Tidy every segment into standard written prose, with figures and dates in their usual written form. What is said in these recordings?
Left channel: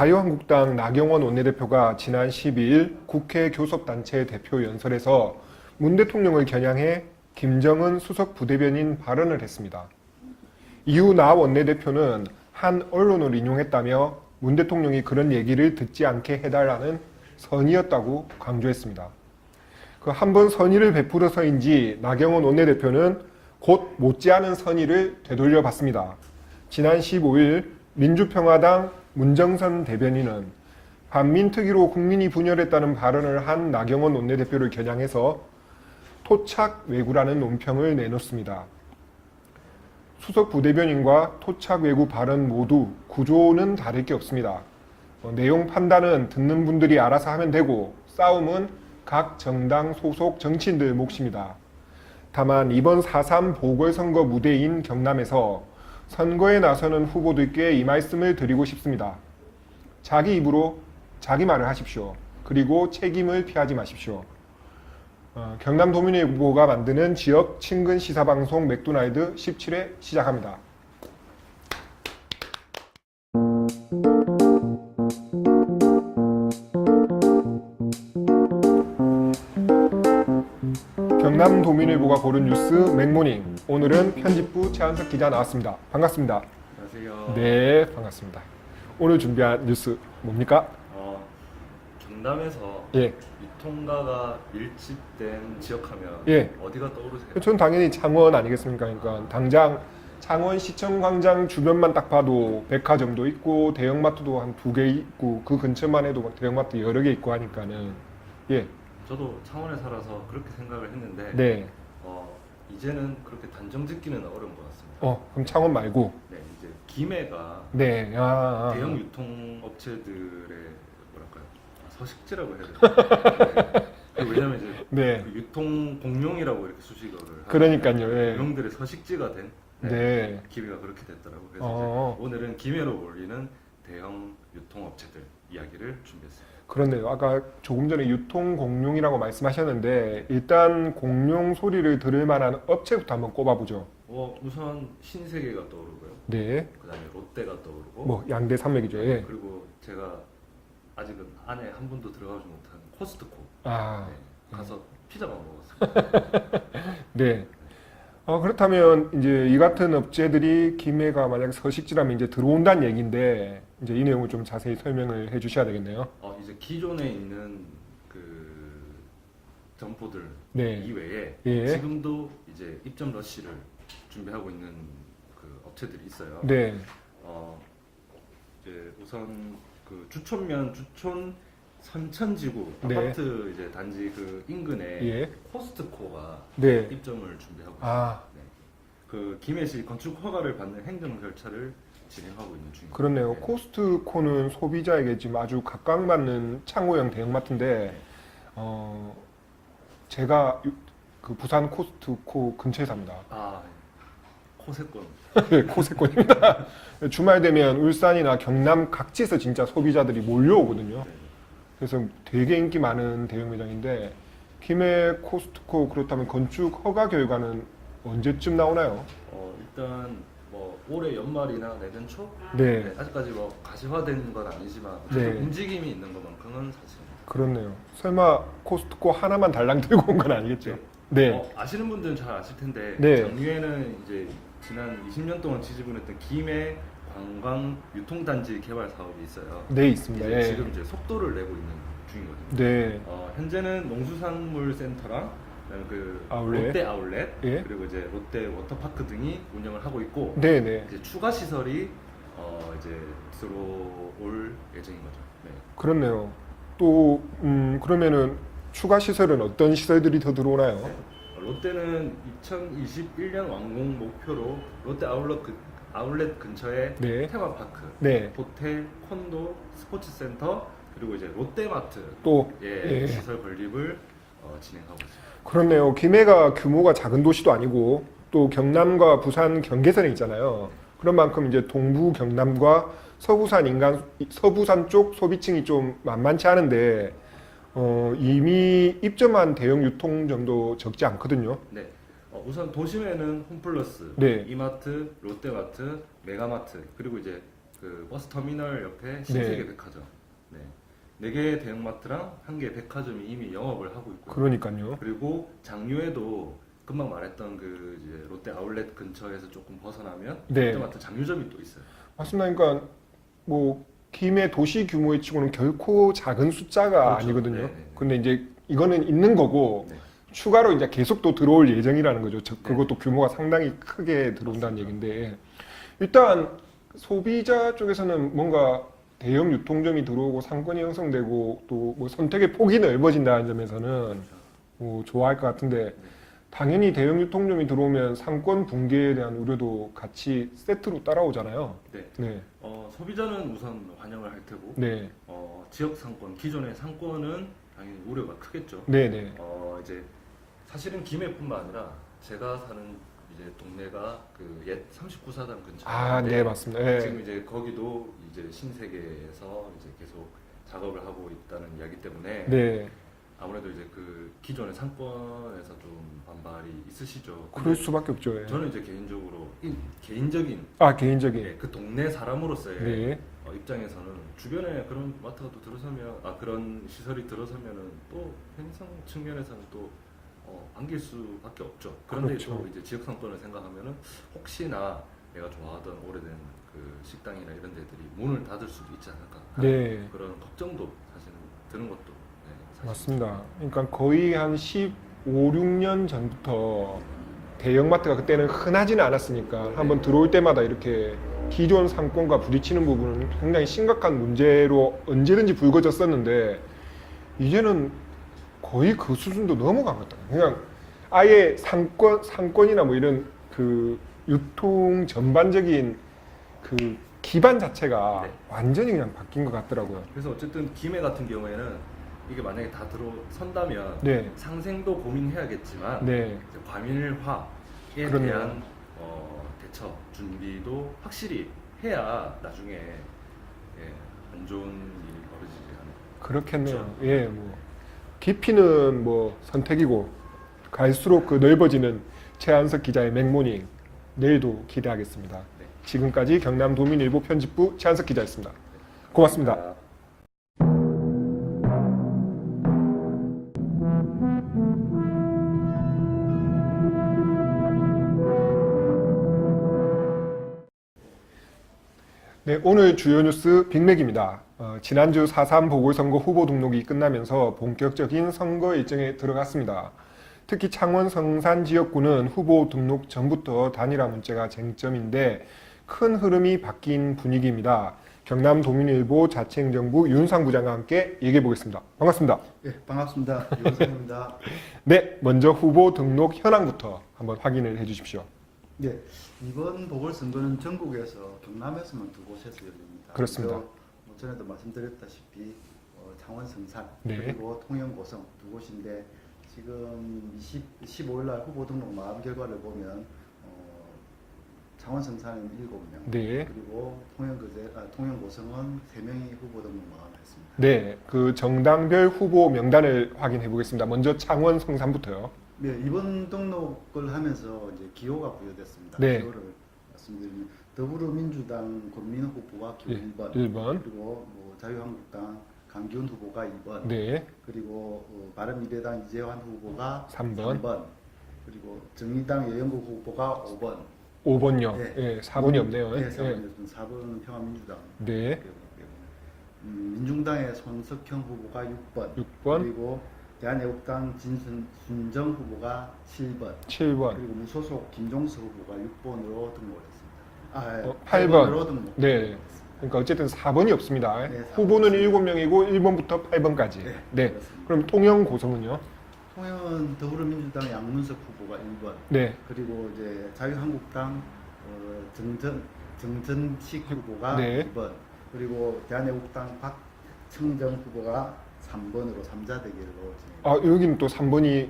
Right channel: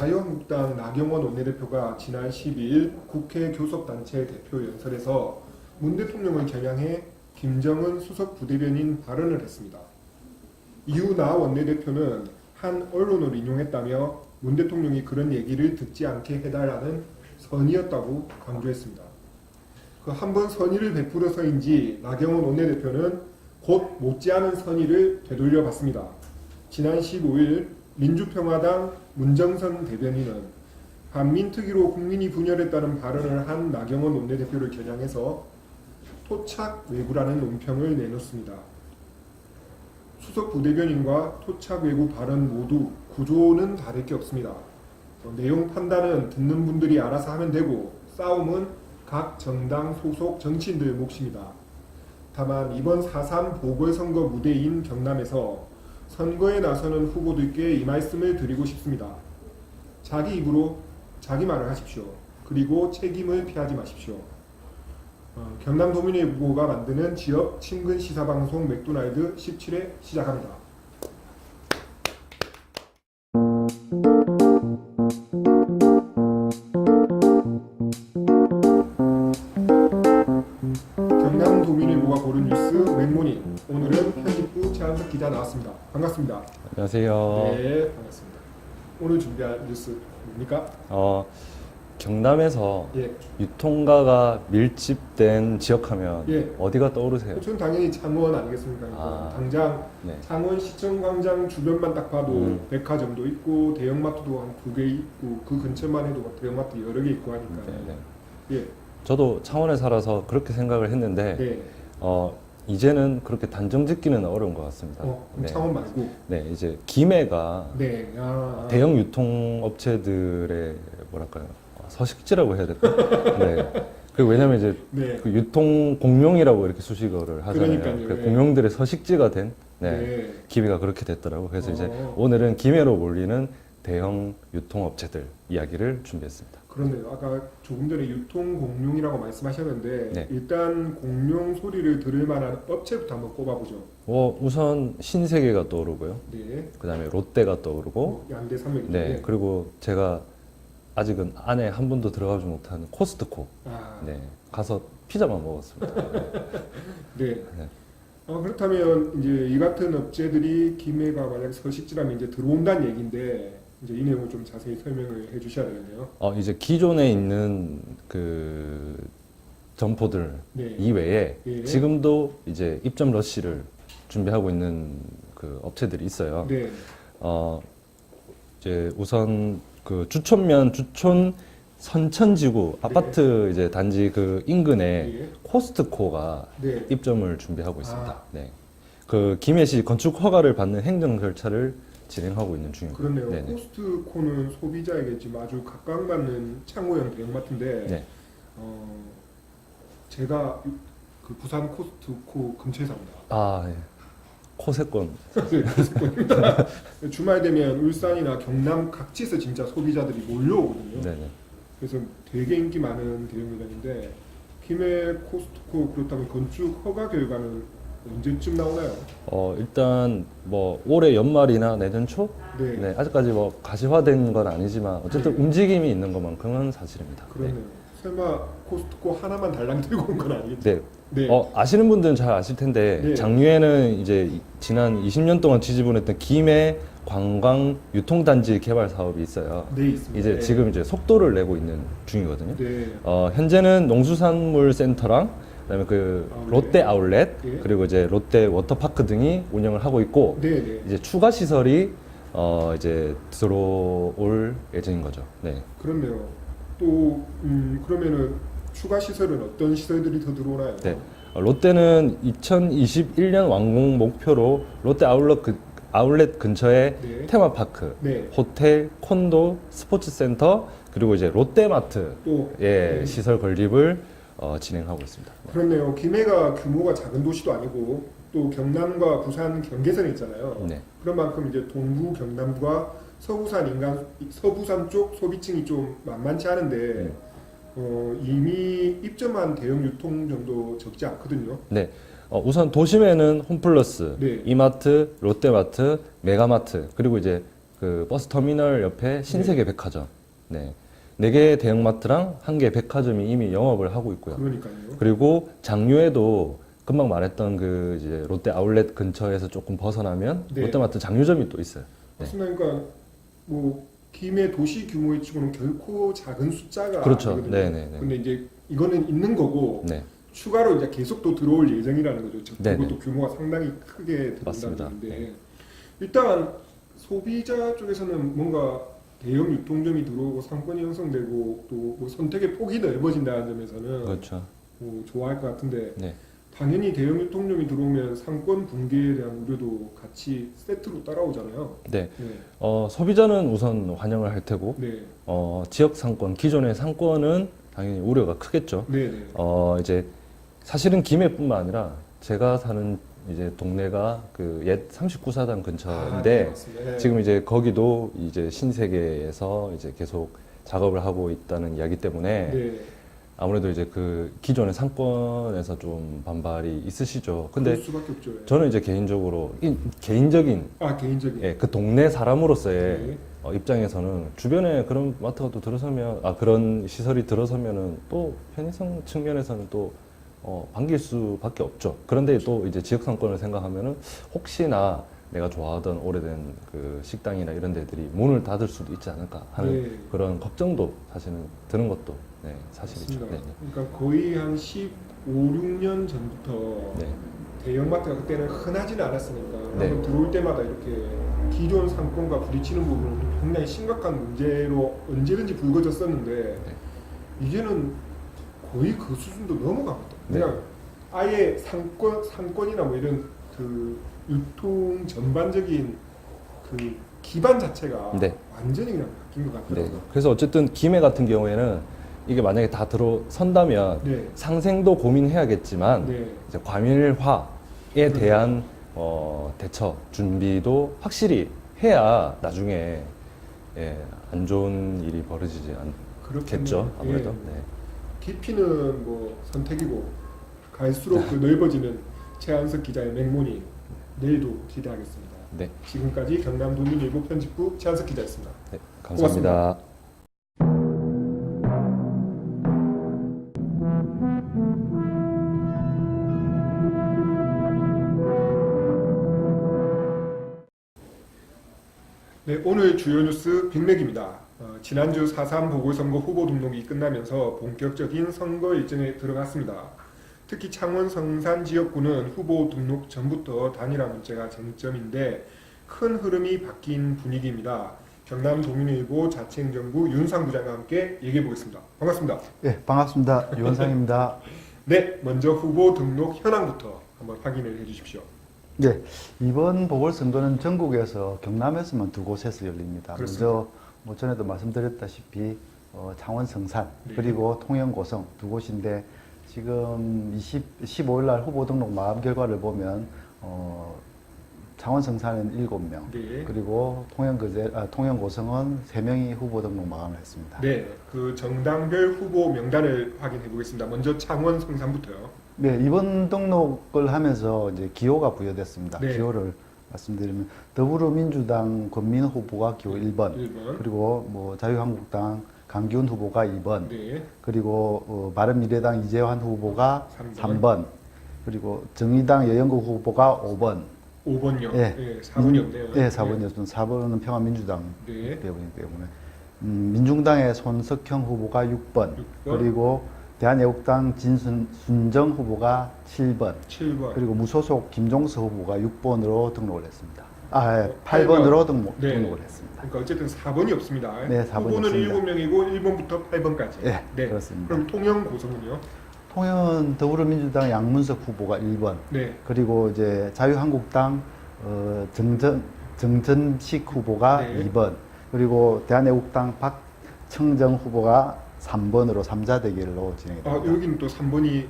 자유한국당 나경원 원내대표가 지난 12일 국회 교섭단체 대표 연설에서 문 대통령을 겨냥해 김정은 수석 부대변인 발언을 했습니다. 이후 나 원내대표는 한 언론을 인용했다며 문 대통령이 그런 얘기를 듣지 않게 해달라는 선의였다고 강조했습니다. 그 한 번 선의를 베풀어서인지 나경원 원내대표는 곧 못지않은 선의를 되돌려 봤습니다. 지난 15일 민주평화당 문정선 대변인은 반민특위로 국민이 분열했다는 발언을 한 나경원 원내대표를 겨냥해서 토착 왜구라는 논평을 내놓습니다. 수석 부대변인과 토착 왜구 발언 모두 구조는 다를 게 없습니다. 내용 판단은 듣는 분들이 알아서 하면 되고 싸움은 각 정당 소속 정치인들 몫입니다. 다만 이번 4.3 보궐선거 무대인 경남에서 선거에 나서는 후보들께 이 말씀을 드리고 싶습니다. 자기 입으로 자기 말을 하십시오. 그리고 책임을 피하지 마십시오. 경남도민의 후보가 만드는 지역 친근 시사방송 맥도날드 17회 시작합니다. 경남도민일보가 고른 뉴스 맥모닝. 오늘은 편집부 최한석 기자 나왔습니다. 반갑습니다. 안녕하세요. 네, 반갑습니다. 오늘 준비한 뉴스 뭡니까? 경남에서 예. 유통가가 밀집된 지역하면 예. 어디가 떠오르세요? 저는 당연히 창원 아니겠습니까? 그러니까 당장 네. 창원시청 광장 주변만 딱 봐도 백화점도 있고 대형마트도 한 2개 있고 그 근처만 해도 막 대형마트 여러 개 있고 하니까요. 예. 저도 창원에 살아서 그렇게 생각을 했는데 네. 이제는 그렇게 단정 짓기는 어려운 것 같습니다. 그럼 네. 창원 말고. 네, 이제 김해가 네. 대형 유통업체들의 뭐랄까요? 서식지라고 해야 될까요? 네. 왜냐하면 이제 네. 그 유통 공룡이라고 이렇게 수식어를 하잖아요. 그러니까요. 그 예. 공룡들의 서식지가 된 네. 김해가 그렇게 됐더라고요. 그래서 이제 어. 오늘은 김해로 몰리는 대형 유통업체들 이야기를 준비했습니다. 그렇네요. 아까 조금 전에 유통공룡이라고 말씀하셨는데 네. 일단 공룡 소리를 들을 만한 업체부터 한번 꼽아보죠. 우선 신세계가 떠오르고요. 네. 그다음에 롯데가 떠오르고, 뭐 양대 산맥이죠. 네. 예. 그리고 제가 아직은 안에 한 번도 들어가지 못한 코스트코. 아. 네. 가서 피자만 먹었습니다. 네. 네. 그렇다면 이제 이 같은 업체들이 김해가 만약 서식지라면 이제 들어온다는 얘기인데 이제 이 내용을 좀 자세히 설명을 해주셔야 되겠네요. 이제 기존에 있는 그 점포들 네. 이외에 예. 지금도 이제 입점 러시를 준비하고 있는 그 업체들이 있어요. 네. 이제 우선 그 주촌면 주촌 선천지구 네. 아파트 이제 단지 그 인근에 예. 코스트코가 네. 입점을 준비하고 있습니다. 아. 네. 그 김해시 건축 허가를 받는 행정 절차를 진행하고 있는 중입니다. 그렇네요. 네. 코스트코는 소비자에게 지금 아주 각광받는 창호형 대형마트인데 네. 제가 그 부산 코스트코 근처에 삽니다. 예. 코세권. 네, 고세권입니다. 주말 되면 울산이나 경남 각지에서 진짜 소비자들이 몰려오거든요. 네네. 그래서 되게 인기 많은 대형 매장인데 김해 코스트코 그렇다면 건축 허가 결과는 언제쯤 나오나요? 일단 뭐 올해 연말이나 내년 초? 네, 네, 아직까지 뭐 가시화된 건 아니지만 어쨌든 네. 움직임이 있는 것만큼은 사실입니다. 그렇네요. 설마 코스트코 하나만 달랑 들고 온 건 아니겠죠? 네. 네. 아시는 분들은 잘 아실 텐데 네. 작년에는 이제 지난 20년 동안 지지분했던 김해 관광 유통단지 개발 사업이 있어요. 네, 있습니다. 이제 네. 지금 이제 속도를 내고 있는 중이거든요. 네. 현재는 농수산물 센터랑 그다음에 그 아울렛. 롯데 아울렛 예. 그리고 이제 롯데 워터파크 등이 운영을 하고 있고 네, 네. 이제 추가 시설이 이제 들어올 예정인 거죠. 네. 그렇네요. 또 그러면은 추가 시설은 어떤 시설들이 더 들어오나요? 네. 롯데는 2021년 완공 목표로 롯데 아울렛 근처에 네. 테마파크, 네. 호텔, 콘도, 스포츠센터 그리고 이제 롯데마트 또 네. 시설 건립을 진행하고 있습니다. 그렇네요. 김해가 규모가 작은 도시도 아니고 또 경남과 부산 경계선에 있잖아요. 네. 그런 만큼 이제 동부 경남과 서부산 쪽 소비층이 좀 만만치 않은데 이미 입점한 대형 유통점도 적지 않거든요. 네. 우선 도심에는 홈플러스, 네. 이마트, 롯데마트, 메가마트 그리고 이제 그 버스 터미널 옆에 신세계 백화점, 네, 4개 대형마트랑 1개 백화점이 이미 영업을 하고 있고요. 그러니까요. 그리고 장류에도 금방 말했던 그 이제 롯데 아울렛 근처에서 조금 벗어나면 네. 롯데마트 장류점이 또 있어요. 맞습니다. 그러니까 뭐 김해 도시 규모의 치고는 결코 작은 숫자가 그렇죠. 아니거든요. 네네네. 근데 이제 이거는 있는 거고 네, 추가로 이제 계속 또 들어올 예정이라는 거죠. 즉 네네. 그것도 규모가 상당히 크게 들어온다는 맞습니다. 얘기인데 일단 소비자 쪽에서는 뭔가 대형 유통점이 들어오고 상권이 형성되고 또 뭐 선택의 폭이 넓어진다는 점에서는 그렇죠. 뭐 좋아할 것 같은데 네. 당연히 대형 유통점이 들어오면 상권 붕괴에 대한 우려도 같이 세트로 따라오잖아요. 네. 네, 소비자는 우선 환영을 할 테고, 네, 지역 상권, 기존의 상권은 당연히 우려가 크겠죠. 네, 네. 이제 사실은 김해뿐만 아니라 제가 사는 이제 동네가 그 옛 39사단 아, 근처인데 네, 맞습니다. 네. 지금 이제 거기도 이제 신세계에서 이제 계속 작업을 하고 있다는 이야기 때문에 네, 아무래도 이제 그 기존의 상권에서 좀 반발이 있으시죠. 근데 그럴 수밖에 없죠. 예. 저는 이제 개인적으로 개인적인 개인적인. 예, 그 동네 사람으로서의 네. 입장에서는 주변에 그런 마트가 또 들어서면 그런 시설이 들어서면은 또 편의성 측면에서는 또 반길 수밖에 없죠. 그런데 그렇죠. 또 이제 지역 상권을 생각하면은 혹시나 내가 좋아하던 오래된 그 식당이나 이런 데들이 문을 닫을 수도 있지 않을까 하는 네. 그런 걱정도 사실은 드는 것도 네, 사실이죠. 맞습니다. 그러니까 거의 한 15, 16년 전부터 네. 대형마트가 그때는 흔하지는 않았으니까 한번 들어올 때마다 이렇게 기존 상권과 부딪히는 부분은 굉장히 심각한 문제로 언제든지 불거졌었는데 이제는 거의 그 수준도 넘어가거든. 그냥 아예 상권이나 뭐 이런 그 유통 전반적인 그 기반 자체가 네. 완전히 그냥 바뀐 것 같더라고요. 그래서 어쨌든 김해 같은 경우에는 이게 만약에 다 들어선다면 네, 상생도 고민해야겠지만 네, 이제 과밀화에 그럼요. 대한 대처 준비도 확실히 해야 나중에 안 좋은 일이 벌어지지 그렇겠죠. 않겠죠. 예, 아무래도. 뭐 깊이는 뭐 선택이고 갈수록 그 넓어지는 최한석 기자의 맥모닝 내일도 기대하겠습니다. 네. 지금까지 경남도민일보 편집부 최한석 기자였습니다. 네, 고맙습니다. 감사합니다. 네, 오늘 주요 뉴스 빅맥입니다. 지난주 4.3 보궐선거 후보 등록이 끝나면서 본격적인 선거 일정에 들어갔습니다. 특히 창원 성산 지역구는 후보 등록 전부터 단일화 문제가 쟁점인데 큰 흐름이 바뀐 분위기입니다. 경남도민일보 자치행정부 윤상 부장과 함께 얘기해 보겠습니다. 반갑습니다. 예, 반갑습니다. 유원상입니다. 네, 먼저 후보 등록 현황부터 한번 확인을 해 주십시오. 예, 이번 보궐선거는 전국에서 경남에서만 두 곳에서 열립니다. 그렇습니다. 먼저 뭐 전에도 말씀드렸다시피 창원 성산 네. 그리고 통영 고성 두 곳인데 지금 15일 날 후보 등록 마감 결과를 보면 창원 성산은 7명 네. 그리고 통영 고성은 3명이 후보 등록 마감을 했습니다. 네, 그 정당별 후보 명단을 확인해 보겠습니다. 먼저 창원 성산부터요. 네, 이번 등록을 하면서 이제 기호가 부여됐습니다. 네. 기호를 말씀드리면 더불어민주당 권민호 후보가 기호 네, 1번, 1번. 그리고 뭐 자유한국당 강기훈 후보가 2번, 네, 그리고 바른미래당 이재환 후보가 3번. 3번, 그리고 정의당 여영국 후보가 5번. 5번요. 예. 예, 4번이 없네요. 네, 4번이었습니다. 4번은 평화민주당 네. 배우이기 때문에 민중당의 손석형 후보가 6번, 6번. 그리고 대한애국당 진순정 후보가 7번, 7번. 그리고 무소속 김종서 후보가 6번으로 등록을 했습니다. 어, 8번으로 네. 등록을 했습니다. 그러니까 어쨌든 4번이 없습니다. 네, 4번이 후보는 없습니다. 7명이고 1번부터 8번까지. 네, 그렇습니다. 그럼 통영 고성은요? 통영은 더불어민주당 양문석 후보가 1번, 네. 그리고 이제 자유한국당 정전식 후보가 네. 2번, 그리고 대한애국당 박청정 후보가 3번으로 3자 대결로 진행했습니다. 여기는 또 3번이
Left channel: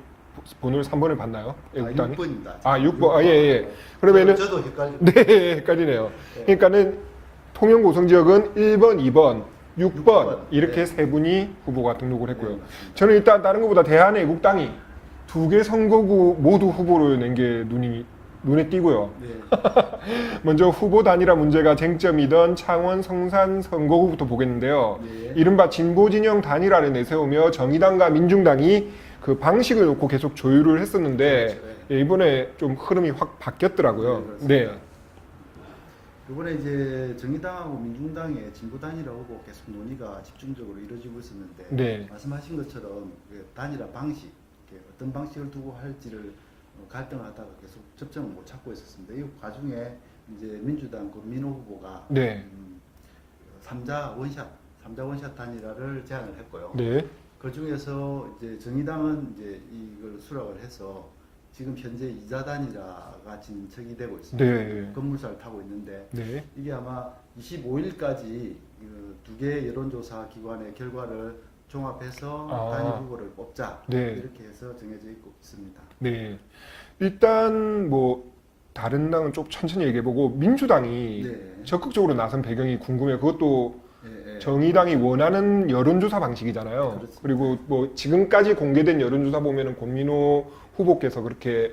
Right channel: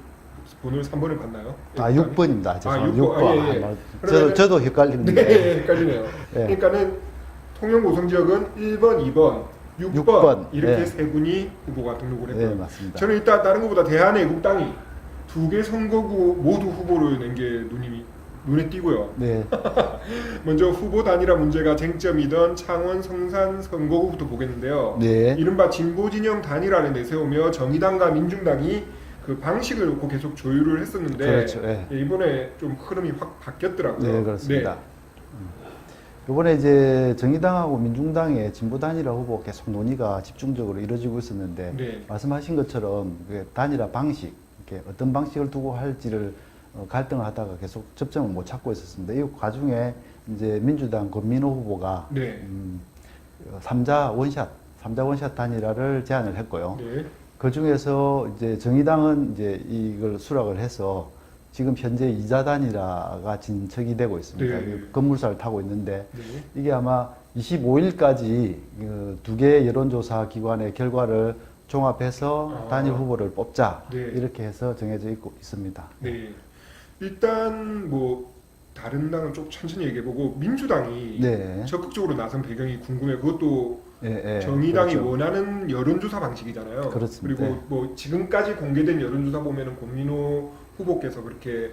번호를 3번을 봤나요? 6번입니다. 6번. 예. 그러면은 저도 헷갈립니다. 네, 헷갈리네요. 네. 그러니까는 통영 고성 지역은 1번, 2번, 6번, 6번. 이렇게 네. 세 분이 후보가 등록을 했고요. 네, 맞습니다. 저는 일단 다른 것보다 대한애국당이 2개 선거구 모두 후보로 낸 게 눈이 눈에 띄고요. 네. 먼저 후보 단일화 문제가 쟁점이던 창원 성산 선거구부터 보겠는데요. 네. 이른바 진보 진영 단일화를 내세우며 정의당과 민중당이 그 방식을 놓고 계속 조율을 했었는데 그렇죠. 예. 예, 이번에 좀 흐름이 확 바뀌었더라고요. 네, 그렇습니다. 이번에 이제 정의당하고 민중당의 진보 단일화 후보 계속 논의가 집중적으로 이루어지고 있었는데 네. 말씀하신 것처럼 그 단일화 방식, 이렇게 어떤 방식을 두고 할지를 갈등을 하다가 계속 접점을 못 찾고 있었습니다. 이 과중에 이제 민주당 권민호 후보가 네. 3자 원샷 단일화를 제안을 했고요. 네. 그 중에서 이제 정의당은 이제 이걸 수락을 해서 지금 현재 2자 단일화가 진척이 되고 있습니다. 네. 건물사를 타고 있는데 네. 이게 아마 25일까지 두 개 여론조사 기관의 결과를 종합해서 단일 후보를 뽑자 네. 이렇게 해서 정해져 있습니다. 네. 일단 뭐 다른 당은 좀 천천히 얘기해보고 민주당이 네. 적극적으로 나선 배경이 궁금해요. 그것도 예, 예. 정의당이 그렇죠. 원하는 여론조사 방식이잖아요. 그렇습니다. 그리고 네. 뭐 지금까지 공개된 여론조사 보면은 권민호 후보께서 그렇게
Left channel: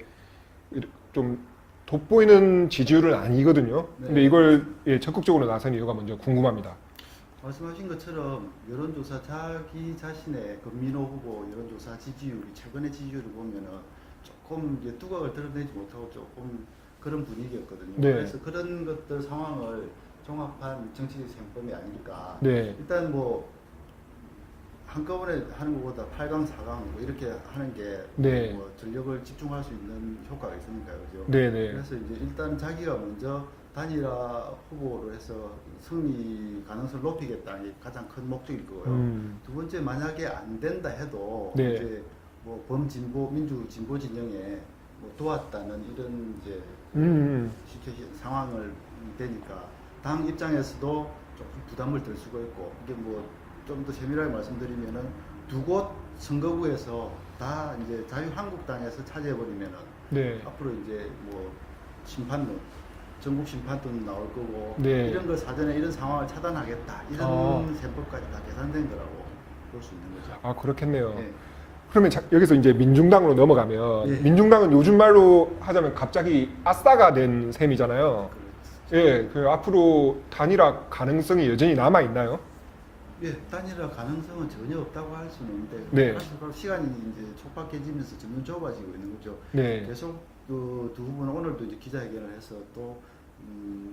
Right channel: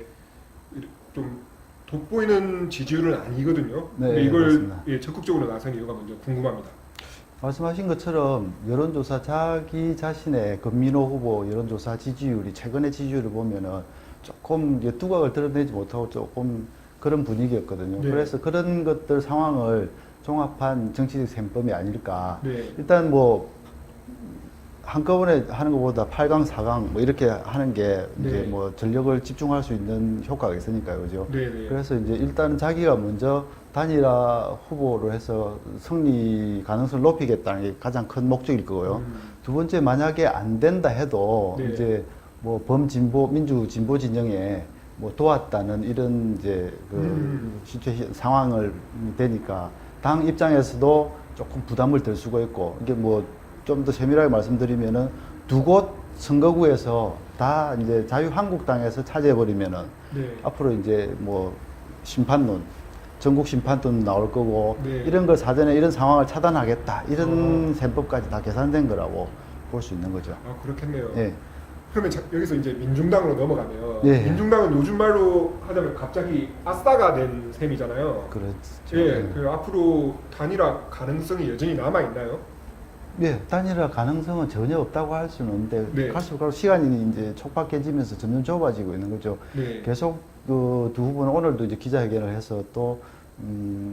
좀 돋보이는 지지율은 아니거든요. 네, 근데 이걸 그렇습니다. 예, 적극적으로 나선 이유가 먼저 궁금합니다. 말씀하신 것처럼 여론조사 자기 자신의 권민호 후보 여론조사 지지율이 최근의 지지율을 보면은 조금 이제 두각을 드러내지 못하고 조금 그런 분위기였거든요. 네. 그래서 그런 것들 상황을 종합한 정치적 셈법이 아닐까. 네. 일단 뭐 한꺼번에 하는 것보다 8강, 4강 뭐 이렇게 하는 게 네. 이제 뭐 전력을 집중할 수 있는 효과가 있으니까요, 그죠? 네네. 그래서 이제 일단 자기가 먼저 단일화 후보로 해서 승리 가능성을 높이겠다는 게 가장 큰 목적일 거고요. 두 번째 만약에 안 된다 해도 네. 이제 뭐 범진보 민주 진보 진영에 뭐 도왔다는 이런 이제 상황을 되니까 당 입장에서도 조금 부담을 덜 수가 있고 이게 뭐 좀 더 세밀하게 말씀드리면은 두 곳 선거구에서 다 이제 자유한국당에서 차지해버리면은 네. 앞으로 이제 뭐 심판론, 전국 심판론 나올 거고 네. 이런 걸 사전에 이런 상황을 차단하겠다 이런 셈법까지 다 계산된 거라고 볼 수 있는 거죠. 아 그렇겠네요. 예. 그러면 여기서 이제 민중당으로 넘어가면 예. 민중당은 요즘 말로 하자면 갑자기 아싸가 된 셈이잖아요. 그렇죠. 예, 그 앞으로 단일화 가능성이 여전히 남아 있나요? 예, 단일화 가능성은 전혀 없다고 할 수는 없는데 네. 갈수록 시간이 이제 촉박해지면서 점점 좁아지고 있는 거죠. 네. 계속 그 두 후보는 오늘도 이제 기자회견을 해서 또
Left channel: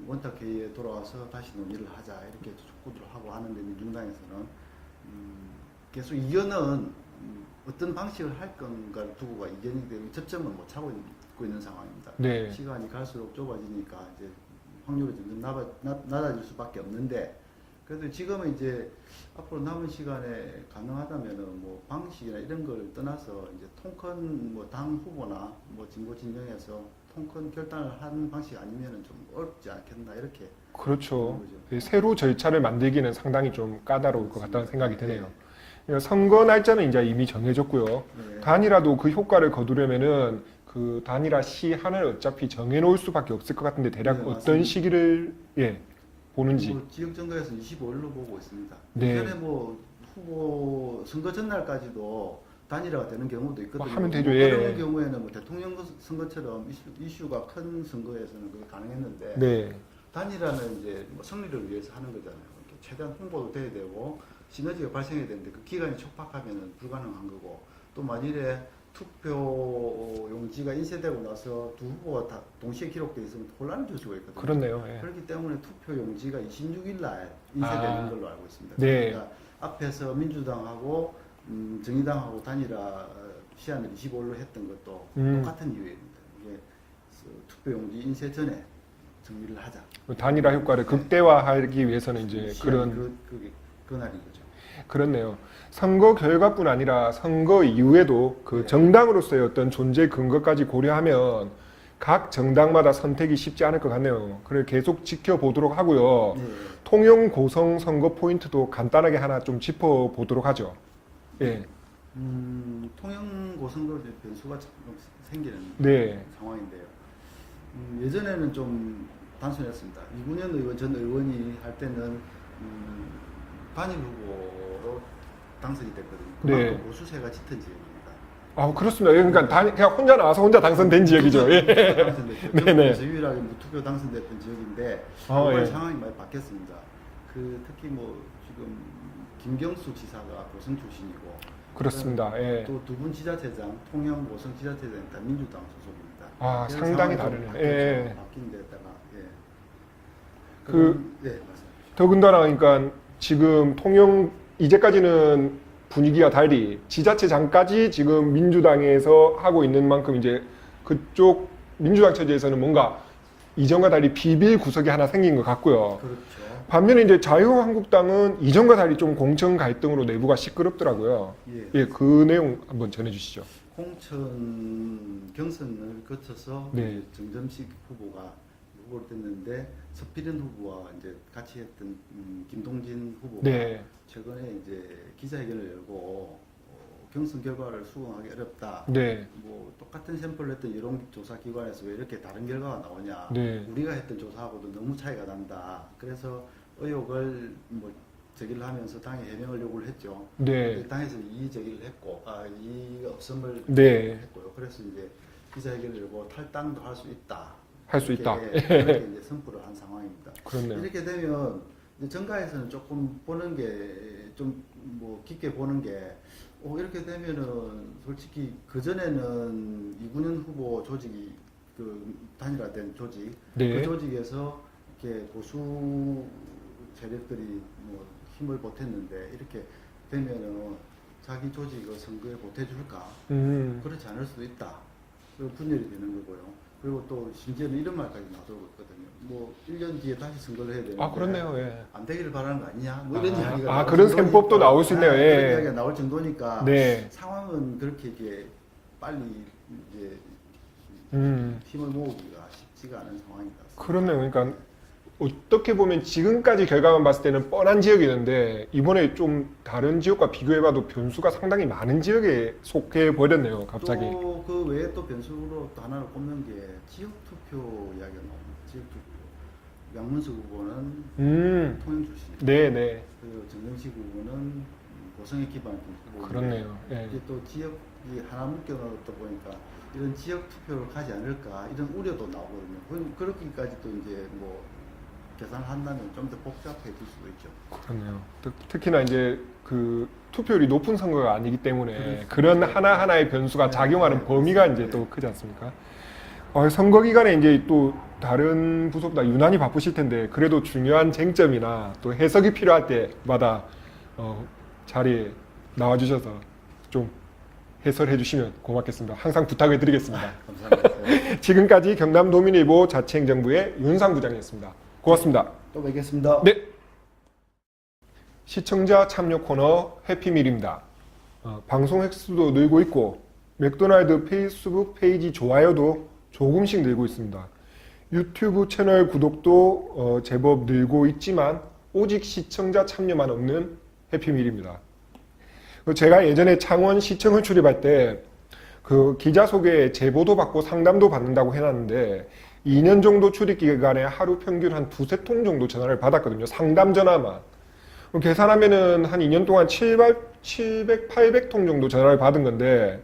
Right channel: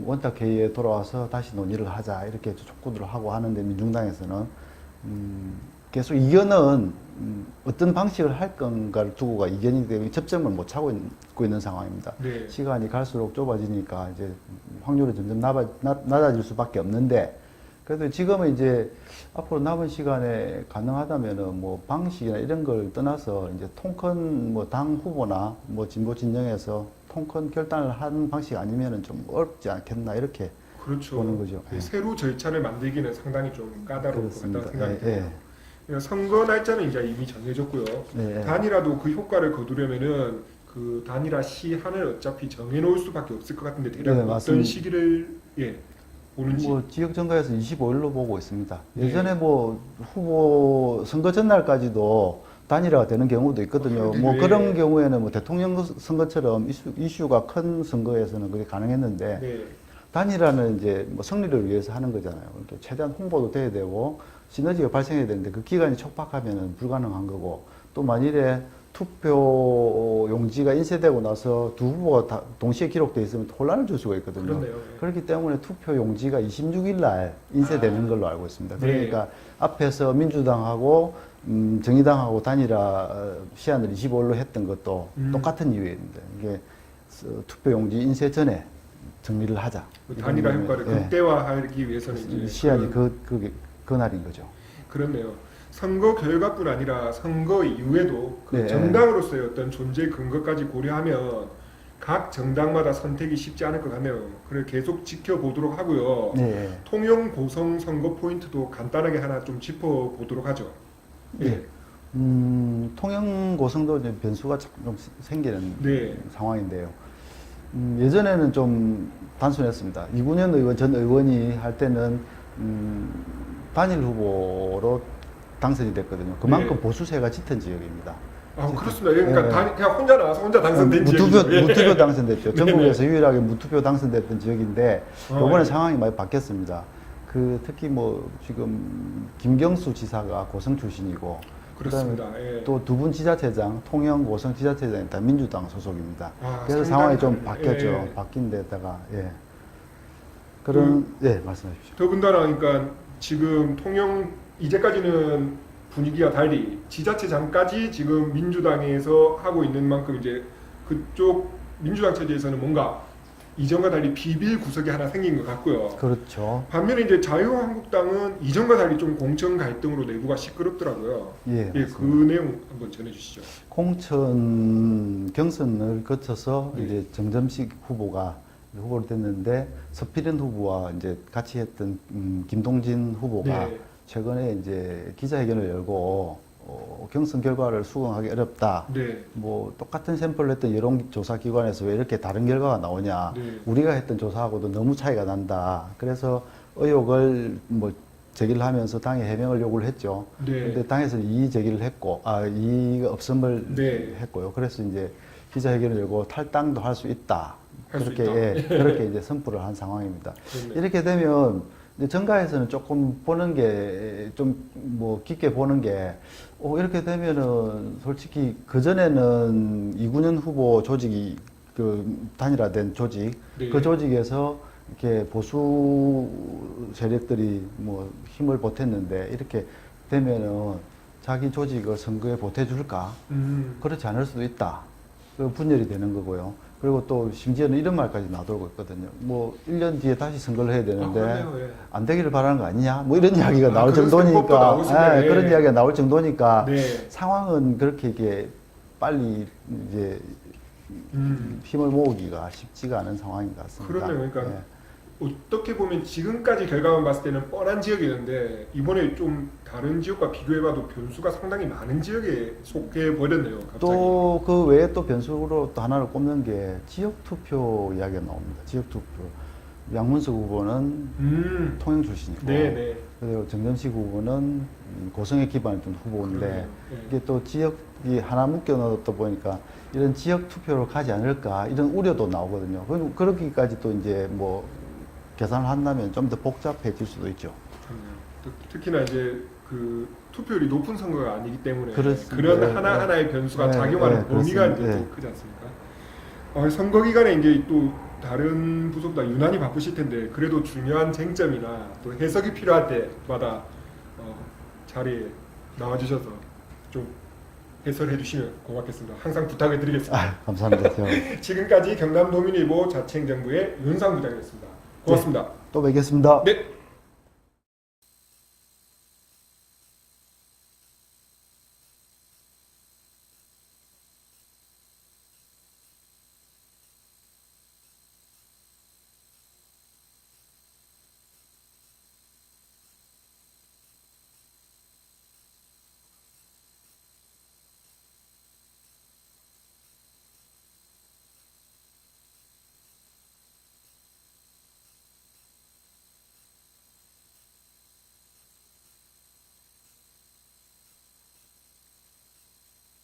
원탁 회의에 돌아와서 다시 논의를 하자 이렇게 촉구를 하고 하는데 민중당에서는 계속 이견은 어떤 방식을 할 건가를 두고가 이견이 되고 접점을 못 찾고 있는 상황입니다. 네. 시간이 갈수록 좁아지니까 이제 확률이 점점 낮아질 수밖에 없는데 그래도 지금은 이제 앞으로 남은 시간에 가능하다면은 뭐 방식이나 이런 걸 떠나서 이제 통큰 뭐 당 후보나 뭐 진보 진영에서 통큰 결단을 하는 방식 아니면은 좀 어렵지 않겠나 이렇게 그렇죠. 보는 거죠. 예, 새로 절차를 만들기는 상당히 좀 까다로울 것 같다는 생각이 예, 드네요. 선거 날짜는 이제 이미 정해졌고요. 예. 단일화도 그 효과를 거두려면은 그 단일화 시한을 어차피 정해놓을 수밖에 없을 것 같은데 대략 네, 어떤 맞습니다. 시기를 보는지. 뭐 지역 정가에서 25일로 보고 있습니다. 네. 예전에 뭐 후보 선거 전날까지도 단일화가 되는 경우도 있거든요. 하면 뭐 되죠. 그런 예. 경우에는 뭐 대통령 선거처럼 이슈가 큰 선거에서는 그게 가능했는데 네. 단일화는 이제 뭐 승리를 위해서 하는 거잖아요. 그러니까 최대한 홍보도 돼야 되고 시너지가 발생해야 되는데 그 기간이 촉박하면 불가능한 거고 또 만일에 투표 용지가 인쇄되고 나서 두 후보가 다 동시에 기록돼 있으면 혼란을 줄 수가 있거든요. 그렇네요. 예. 그렇기 때문에 투표 용지가 26일 날 인쇄되는 아. 걸로 알고 있습니다. 네. 그러니까 앞에서 민주당하고 정의당하고 단일화 시한을 25일로 했던 것도 똑같은 이유입니다. 이게 투표 용지 인쇄 전에 정리를 하자. 단일화 이런 효과를 거예요. 극대화하기 위해서는 이제 시한이 그런 그 날인 거죠. 그렇네요. 선거 결과뿐 아니라 선거 이후에도 그 네. 정당으로서의 어떤 존재 근거까지 고려하면 각 정당마다 선택이 쉽지 않을 것 같네요. 그걸 계속 지켜보도록 하고요. 네. 통영 고성 선거 포인트도 간단하게 하나 좀 짚어보도록 하죠. 예. 네. 통영 고성도 이제 변수가 조금 생기는 네. 상황인데요. 예전에는 좀 단순했습니다. 이군현 의원 전 의원이 할 때는 단일 후보로 당선이 됐거든요. 그만큼 네. 보수세가 짙은 지역입니다. 아, 그렇습니다. 그러니까 네. 그냥 혼자 나와서 혼자 당선된 지역이죠. 예. 무투표 당선됐죠. 네네. 전국에서 유일하게 무투표 당선됐던 지역인데 이번에 예. 상황이 많이 바뀌었습니다. 특히 뭐 지금 김경수 지사가 고성 출신이고 그렇습니다. 예. 또 두 분 지자체장 통영 고성 지자체장이 다 민주당 소속입니다. 아, 그래서 상당히 상황이 좀 다르네. 바뀌었죠. 예. 바뀐 데다가 그런 말씀해 주십시오. 더군다나 그러니까 지금 통영 이제까지는 분위기가 달리 지자체장까지 지금 민주당에서 하고 있는 만큼 이제 그쪽 민주당 체제에서는 뭔가 이전과 달리 비빌 구석이 하나 생긴 것 같고요. 그렇죠. 반면에 이제 자유한국당은 이전과 달리 좀 공천 갈등으로 내부가 시끄럽더라고요. 예, 예, 그 내용 한번 전해주시죠. 공천 경선을 거쳐서 네. 이제 정점식 후보가 후보를 됐는데 서필현 후보와 이제 같이 했던 김동진 후보가 네. 최근에 이제 기자회견을 열고 경선 결과를 수긍하기 어렵다. 네. 뭐 똑같은 샘플을 했던 여론조사 기관에서 왜 이렇게 다른 결과가 나오냐. 네. 우리가 했던 조사하고도 너무 차이가 난다. 그래서 의혹을 뭐 제기를 하면서 당에 해명을 요구를 했죠. 네. 근데 당에서는 이의 제기를 했고, 이의가 없음을 네. 했고요. 그래서 이제 기자회견을 열고 탈당도 할 수 있다. 할 수 그렇게, 있다. 그렇게 이제 선포를 한 상황입니다. 그렇네요. 이렇게 되면 이제 정가에서는 조금 보는 게 좀 뭐 깊게 보는 게 이렇게 되면은 솔직히 그 전에는 이군현 후보 조직이 그 단일화된 조직 네. 그 조직에서 이렇게 보수 세력들이 뭐 힘을 보탰는데 이렇게 되면은 자기 조직을 선거에 보태줄까? 그렇지 않을 수도 있다. 그 분열이 되는 거고요. 그리고 또 심지어는 이런 말까지 나돌고 있거든요. 뭐 1년 뒤에 다시 선거를 해야 되는데 그러네요. 예. 안 되기를 바라는 거 아니냐? 뭐 이런 이야기가 나올 그런 셈법도 정도니까 나올 수 있네요. 예. 그런 이야기가 나올 정도니까 네. 상황은 그렇게 이게 빨리 이제 힘을 모으기가 쉽지가 않은 상황인 것 같습니다. 그러네요. 그러니까 예. 어떻게 보면 지금까지 결과만 봤을 때는 뻔한 지역이었는데 이번에 좀 다른 지역과 비교해봐도 변수가 상당히 많은 지역에 속해 버렸네요. 갑자기. 또 그 외에 또 변수로 또 하나를 꼽는 게 지역 투표 이야기가 나옵니다. 지역 투표. 양문석 후보는 통영 출신이고, 네네. 그리고 정점식 후보는 고성에 기반했던 후보인데 그러네요. 예. 이게 또 지역이 하나 묶여 넣었다 보니까 이런 지역 투표로 가지 않을까 이런 우려도 나오거든요. 그러기까지 또 이제 뭐 계산을 한다면 좀 더 복잡해질 수도 있죠. 그렇네요. 특히나 이제 그 투표율이 높은 선거가 아니기 때문에 그렇습니다. 그런 네, 하나하나의 변수가 네, 작용하는 네, 범위가 그렇습니다. 이제 네. 더 크지 않습니까? 선거 기간에 이제 또 다른 부서보다 유난히 바쁘실 텐데 그래도 중요한 쟁점이나 또 해석이 필요할 때마다 자리에 나와주셔서 좀 해설해 주시면 고맙겠습니다. 항상 부탁을 드리겠습니다. 감사합니다. 지금까지 경남도민일보 자치행정부의 윤상 부장이었습니다. 고맙습니다. 또 뵙겠습니다. 네. 시청자 참여 코너 해피밀입니다. 방송 횟수도 늘고 있고 맥도날드 페이스북 페이지 좋아요도 조금씩 늘고 있습니다. 유튜브 채널 구독도 제법 늘고 있지만 오직 시청자 참여만 없는 해피밀입니다. 제가 예전에 창원 시청을 출입할 때 그 기자 소개 제보도 받고 상담도 받는다고 해놨는데 2년 정도 출입 기간에 하루 평균 한 2~3통 정도 전화를 받았거든요. 상담 전화만. 계산하면은 한 2년 동안 700, 800통 정도 전화를 받은 건데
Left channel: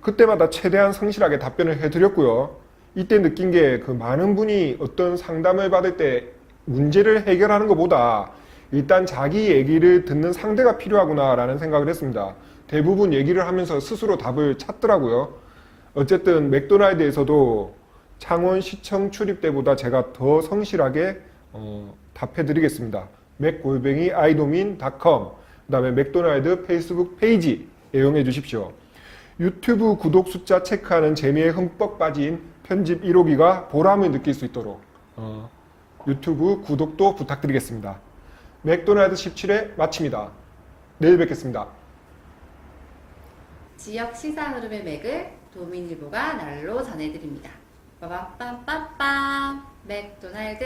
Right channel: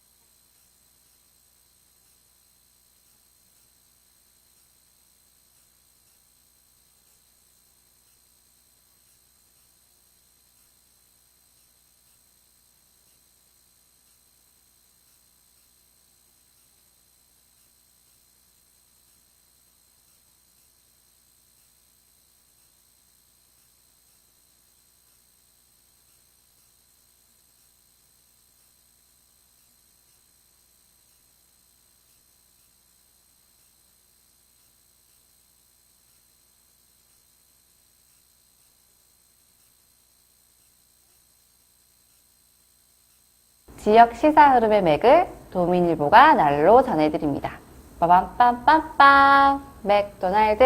그때마다 최대한 성실하게 답변을 해드렸고요. 이때 느낀 게 그 많은 분이 어떤 상담을 받을 때 문제를 해결하는 것보다 일단 자기 얘기를 듣는 상대가 필요하구나라는 생각을 했습니다. 대부분 얘기를 하면서 스스로 답을 찾더라고요. 어쨌든 맥도날드에서도 창원시청 출입 때보다 제가 더 성실하게 답해드리겠습니다. 맥@idomin.com 그다음에 맥도날드 페이스북 페이지 애용해 주십시오. 유튜브 구독 숫자 체크하는 재미에 흠뻑 빠진 편집 1호기가 보람을 느낄 수 있도록 유튜브 구독도 부탁드리겠습니다. 맥도날드 17회 마칩니다. 내일 뵙겠습니다. 지역 시사 흐름의 맥을 도민일보가 날로 전해드립니다. 빠밤빰빰빰 맥도날드